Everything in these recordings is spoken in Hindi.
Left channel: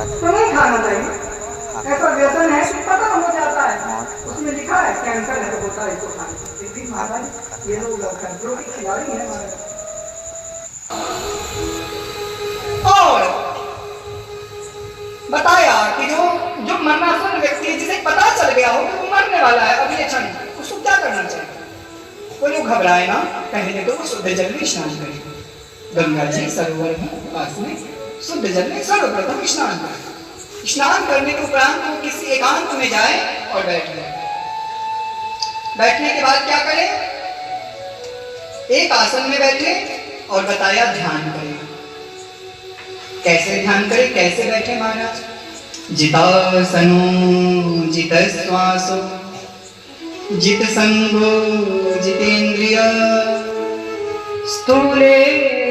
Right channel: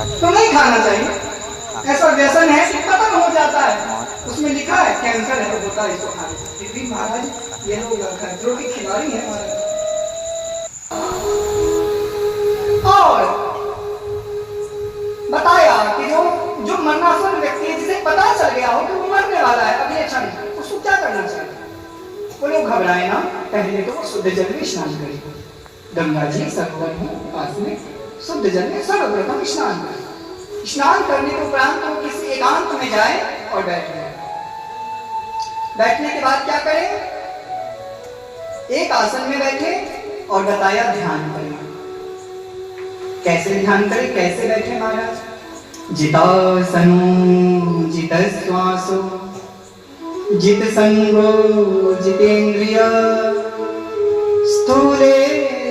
तो नहीं खाना चाहिए। ऐसा व्यसन है कि खत्म हो जाता है। उसमें लिखा है कैंसर है तो होता है इसको खाने। फिर भी महाराज ये लोग कंट्रोल की खिलाड़ी हैं। और बताया कि जो मरणासन व्यक्ति है, जिसे पता चल गया हो कि वो मरने वाला है अभी अच्छा नहीं, उसको क्या करना चाहिए? वो लोग घबराए ना, पहले तो वो शुद्ध जल में स्नान करेंगे। गंगा जी सरोवर में पास में शुद्ध जल में सर्वप्रथम स्नान करें। स्नान करने के उपरांत वो किसी एकांत में जाए और बैठ जाए। बैठने के बाद क्या करें? एक आसन में बैठे और बताया ध्यान करें। कैसे ध्यान करें, कैसे बैठे महाराज? जितासनो जित श्वासो जित संगो जितेन्द्रिय स्थूले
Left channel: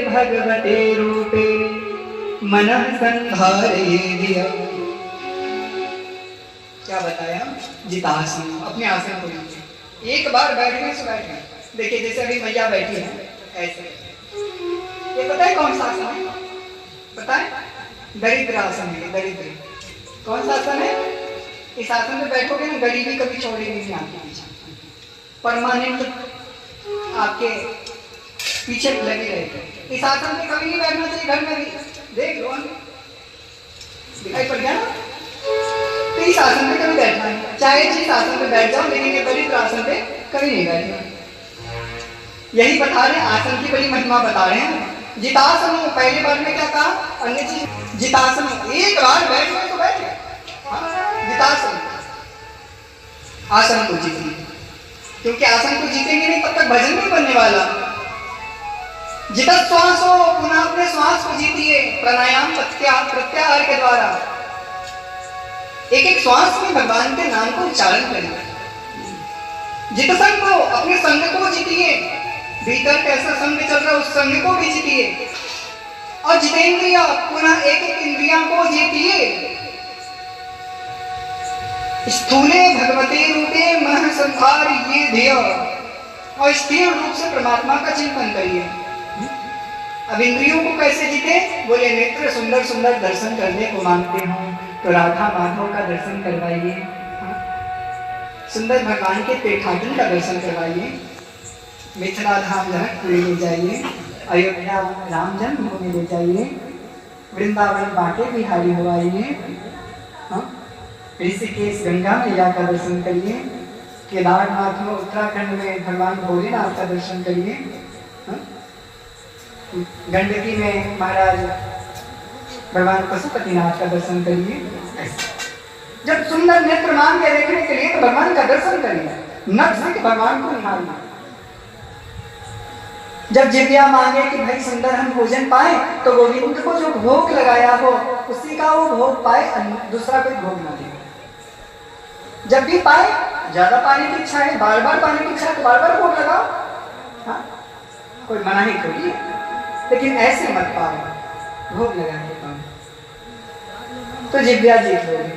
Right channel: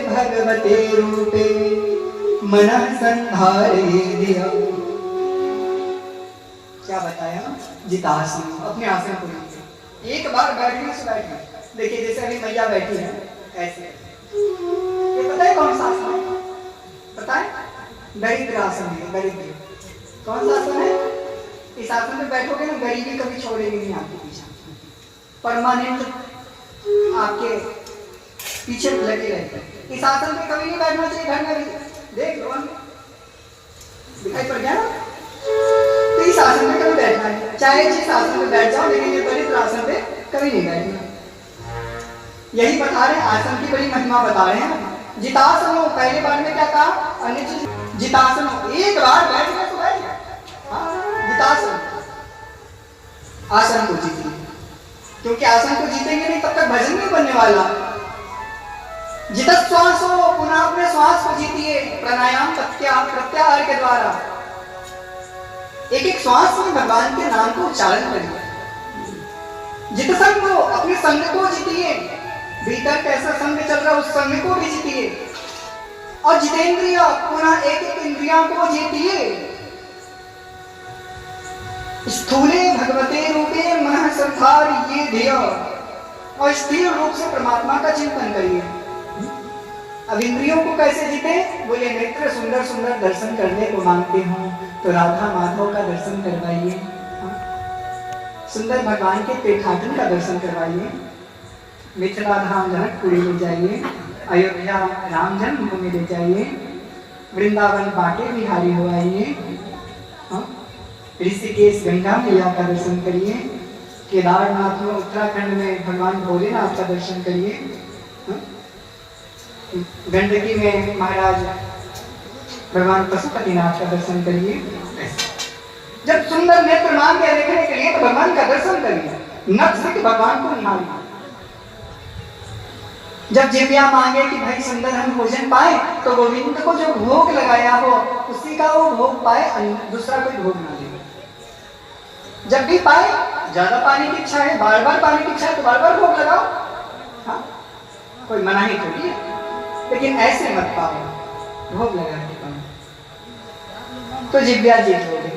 भगवते रूपे मनः संधारयेदिया। क्या बताया? जितासन, अपने आसन को लीजिए। एक बार बैठने से बैठना। देखिए जैसे अभी मैया बैठी है ऐसे, ये पता है कौन सा आसन है? पता है? दरिद्र आसन है। दरिद्र कौन सा आसन है? इस आसन में बैठोगे ना, गरीबी कभी छोड़ेगी नहीं आपके पीछे, परमानेंट आपके पीछे लगी रहेगी। इस आसन पे कभी नहीं बैठना चाहिए। घर में भी देख लो, दिखाई पड़ गया ना? तो इस आसन में कभी बैठना है, चाहे जिस आसन में बैठ जाओ, लेकिन ये दरिद्र आसन पे कभी नहीं बैठना। यही बता रहे हैं, आसन की बड़ी महिमा बता रहे हैं। जितासन, पहले बार में क्या कहा? अन्य चीज जितासन, एक बार बैठ गए तो बैठ गए। जितासन, आसन को जीतिए, क्योंकि आसन को जीतेंगे नहीं तब तक भजन नहीं बनने वाला। जित श्वास हो, पुनः अपने श्वास को जीतिए प्राणायाम प्रत्याहार के द्वारा। एक एक श्वास में भगवान के नाम को उच्चारण करिए। जित संग हो, अपने संग को जीतिए। भीतर कैसा संग चल रहा है उस संग को भी जीतिए। और जितेंद्रिय, पुनः एक एक इंद्रियों को जीतिए। स्थूले भगवते रूपे मनः संधारयेदिया, और स्थिर रूप से परमात्मा का चिंतन करिए। अब इंद्रियों को कैसे जीते? बोले नेत्र सुंदर सुंदर दर्शन करने को मांगते हो तो राधा माधव का दर्शन करवाइए। सुंदर भगवान के पेठाटन का दर्शन करवाइए। मिथिला धाम जनकपुरी ले जाइए, अयोध्या राम जन्मभूमि ले जाइए, वृंदावन बांके बिहारी हो आइए, ऋषिकेश गंगा मैया का दर्शन करिए, केदारनाथ में उत्तराखंड में भगवान भोलेनाथ का दर्शन करिए, गंडकी में महाराज भगवान पशुपतिनाथ का दर्शन करिए। जब सुंदर नेत्र मांगे देखने के लिए तो भगवान का दर्शन करिए, नख से भगवान को निहारिए। जब जिव्या मांगे कि भाई सुंदर हम भोजन पाए तो गोविंद को जो भोग लगाया हो उसी का वो भोग पाए, दूसरा कोई भोग ना ले। जब भी पाए, ज्यादा पाने की इच्छा है, बार बार पाने की इच्छा है तो बार बार भोग लगाओ। हाँ, कोई मना ही थोड़ी, लेकिन ऐसे मत पाओ, भोग लगा के पाओ। तो जिव्या जीत ले।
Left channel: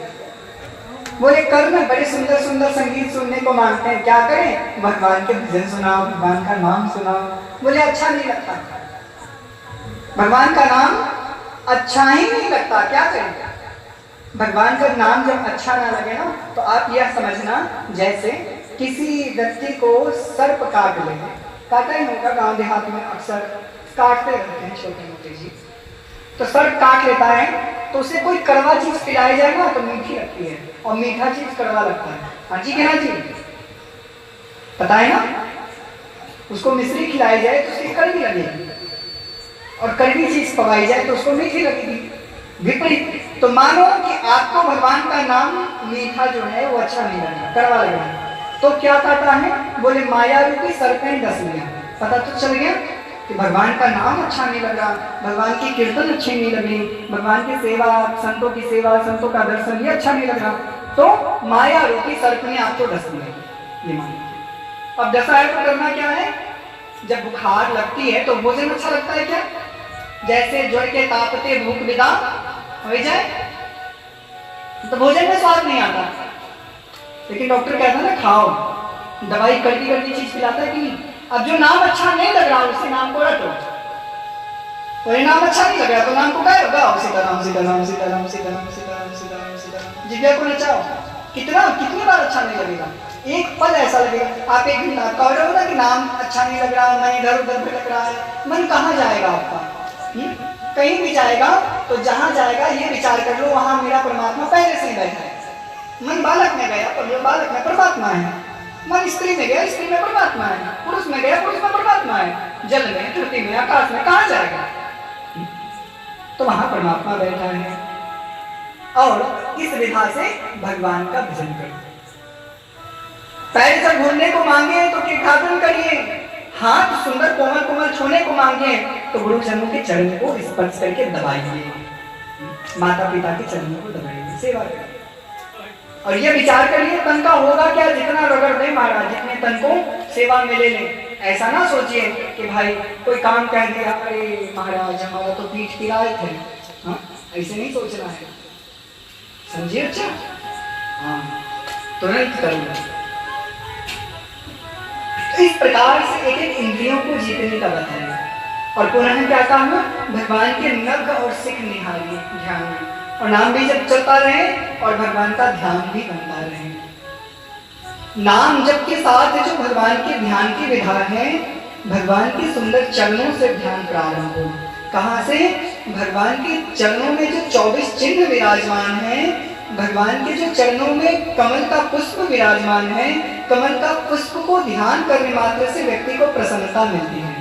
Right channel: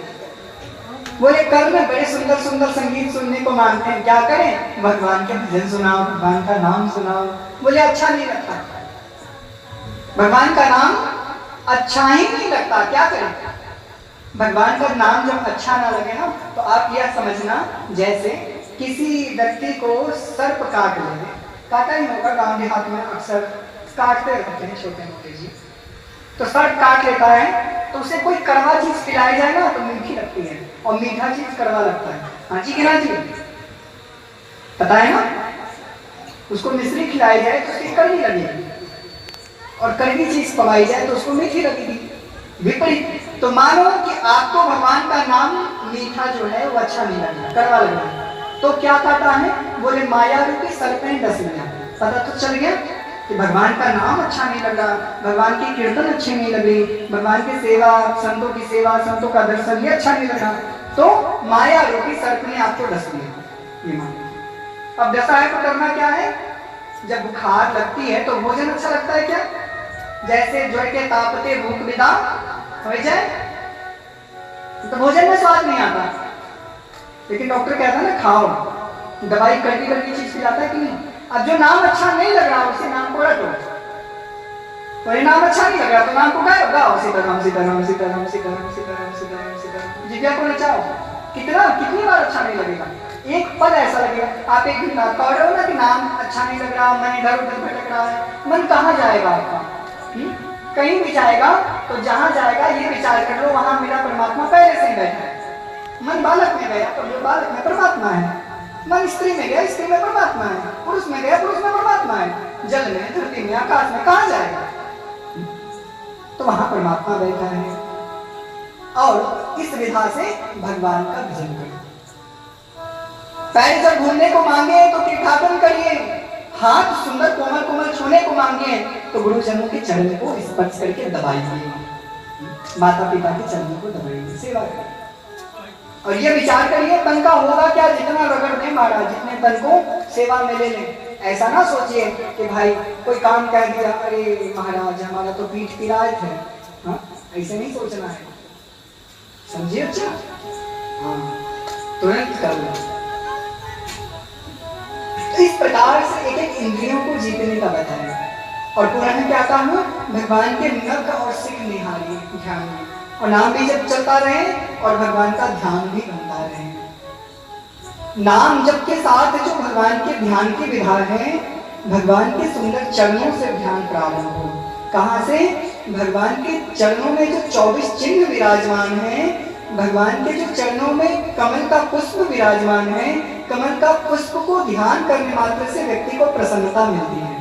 बोले कर्ण बड़े सुंदर सुंदर संगीत सुनने को मांगते हैं, क्या करें? भगवान के भजन सुनाओ, भगवान का नाम सुनाओ। बोले अच्छा नहीं लगता, भगवान का नाम अच्छा ही नहीं लगता, क्या करें? भगवान का नाम जब अच्छा ना लगे ना तो आप यह समझना जैसे किसी व्यक्ति को सर्प काट ले। काटा ही होगा, गांव देहात में अक्सर काटते रहते हैं छोटे मोटे जीव। तो सर्प काट लेता है तो उसे कोई कड़वा चीज खिलाई जाए ना तो मीठी लगती है, और मीठा चीज कड़वा लगता है। हाँ जी, कहना जी, पता है ना? उसको मिश्री खिलाई जाए तो उसकी कड़वी लगेगी, और कड़वी चीज पवाई जाए तो उसको मीठी लगेगी। विपरीत। तो मानो कि आपको भगवान का नाम मीठा जो है वो अच्छा नहीं लगा, कड़वा लगा, तो क्या कहता है? बोले माया रूपी सर्प ने डस लिया। पता तो चल गया कि भगवान का नाम अच्छा नहीं लगा, भगवान की कीर्तन अच्छी नहीं लगी, भगवान की सेवा, संतों की सेवा, संतों का दर्शन ये अच्छा नहीं लगा, तो माया रूपी सर्प ने आपको डस लिया। अब डसा है तो करना क्या है? जब बुखार लगती है तो भोजन अच्छा लगता है क्या? जैसे ज्वर के तापते भूख विदा हो जाए तो भोजन में स्वाद नहीं आता, लेकिन डॉक्टर कहता है ना खाओ, दवाई कड़वी कड़वी चीज खिलाता है कि नहीं। अब जो नाम अच्छा नहीं लग रहा उसी नाम को रटो। परिणाम अच्छा नहीं लग रहा तो नाम को क्या गाओ, सीताराम सीताराम सीताराम सीताराम सीताराम सीताराम सीताराम, जिज्ञा को नचाओ। कितनी बार अच्छा नहीं लगेगा, एक पल ऐसा लगेगा। आप एक दिन कह रहे हो ना कि नाम अच्छा नहीं लग रहा, मन इधर उधर भटक रहा है, मन कहाँ जाएगा आपका? कहीं भी जाएगा तो जहां जाएगा ये विचार कर लो वहां मेरा परमात्मा पहले से ही बैठा है। मन बालक में गया तो बालक में परमात्मा है, मन स्त्री में गया स्त्री में परमात्मा है, पुरुष में गया पुरुष में परमात्मा है, जल में धरती में आकाश में कहाँ जाएगा? तो वहां परमात्मा बैठा है। और इस विधा से भगवान का भजन करिए। पैर जब घूमने को मांगे तो तीर्थाटन करिए, हाथ सुंदर कोमल कोमल छूने को मांगे तो गुरुजनों के चरण को स्पर्श करके दबाइए, माता पिता के चरणों को दबाइए, सेवा करिए। और ये विचार करिए तन का होगा क्या, जितना रगड़ दे महाराज, जितने तन को सेवा में ले लें। ऐसा ना सोचिए कि भाई कोई काम कह दिया, अरे महाराज हमारा तो पीठ पिराए थे, हाँ ऐसे नहीं सोचना है, समझिए। अच्छा हाँ तुरंत कर लो। इस प्रकार से एक एक इंद्रियों को जीतने का बताया। और पुनः क्या कहा, भगवान के नख और सिख निहारी ध्यान में, और नाम भी जब चलता रहे और भगवान का ध्यान भी बनता रहे। नाम जप के साथ जो भगवान के ध्यान की विधा है, भगवान के सुंदर चरणों से ध्यान प्रारंभ हो। कहाँ से? भगवान के चरणों में जो 24 चिन्ह विराजमान हैं, भगवान के जो चरणों में कमल का पुष्प विराजमान है, कमल का पुष्प को ध्यान करने मात्र से व्यक्ति को प्रसन्नता मिलती है।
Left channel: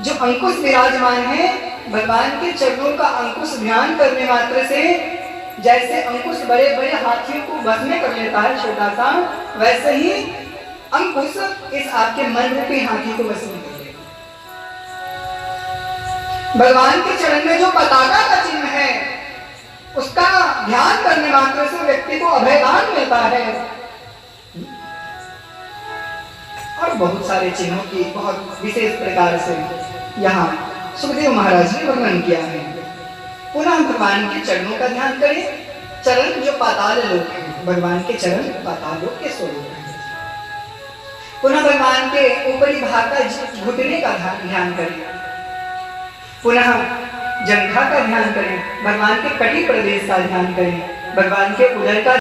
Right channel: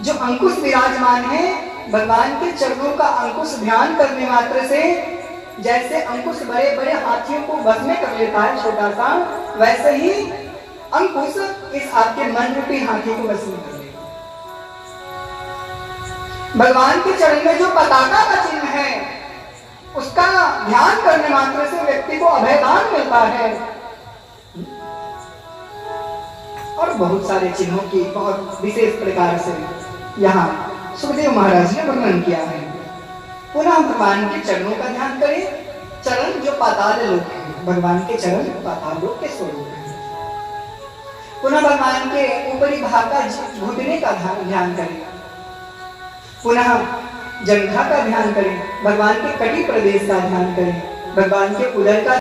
जो अंकुश विराजमान है, भगवान के चरणों का अंकुश ध्यान करने मात्र से, जैसे अंकुश बड़े बड़े हाथियों को बस में कर लेता है छोटा सा, वैसे ही अंकुश इस आपके मन रूपी हाथी को बस में कर लेगा। भगवान के चरण में जो पताका का चिन्ह है, उसका ध्यान करने मात्र से व्यक्ति को अभयदान मिलता है। और बहुत सारे चिन्हों की बहुत विशेष प्रकार से यहाँ सुखदेव महाराज ने वर्णन किया है। पुनः भगवान के चरणों का ध्यान करें। चरण जो पाताल लोक है, भगवान के चरण पाताल लोक के स्वरूप है। पुनः भगवान के ऊपरी भाग का घुटने का ध्यान करें। पुनः जंघा का ध्यान करें, भगवान के कटी प्रदेश का ध्यान करें, भगवान के उदर का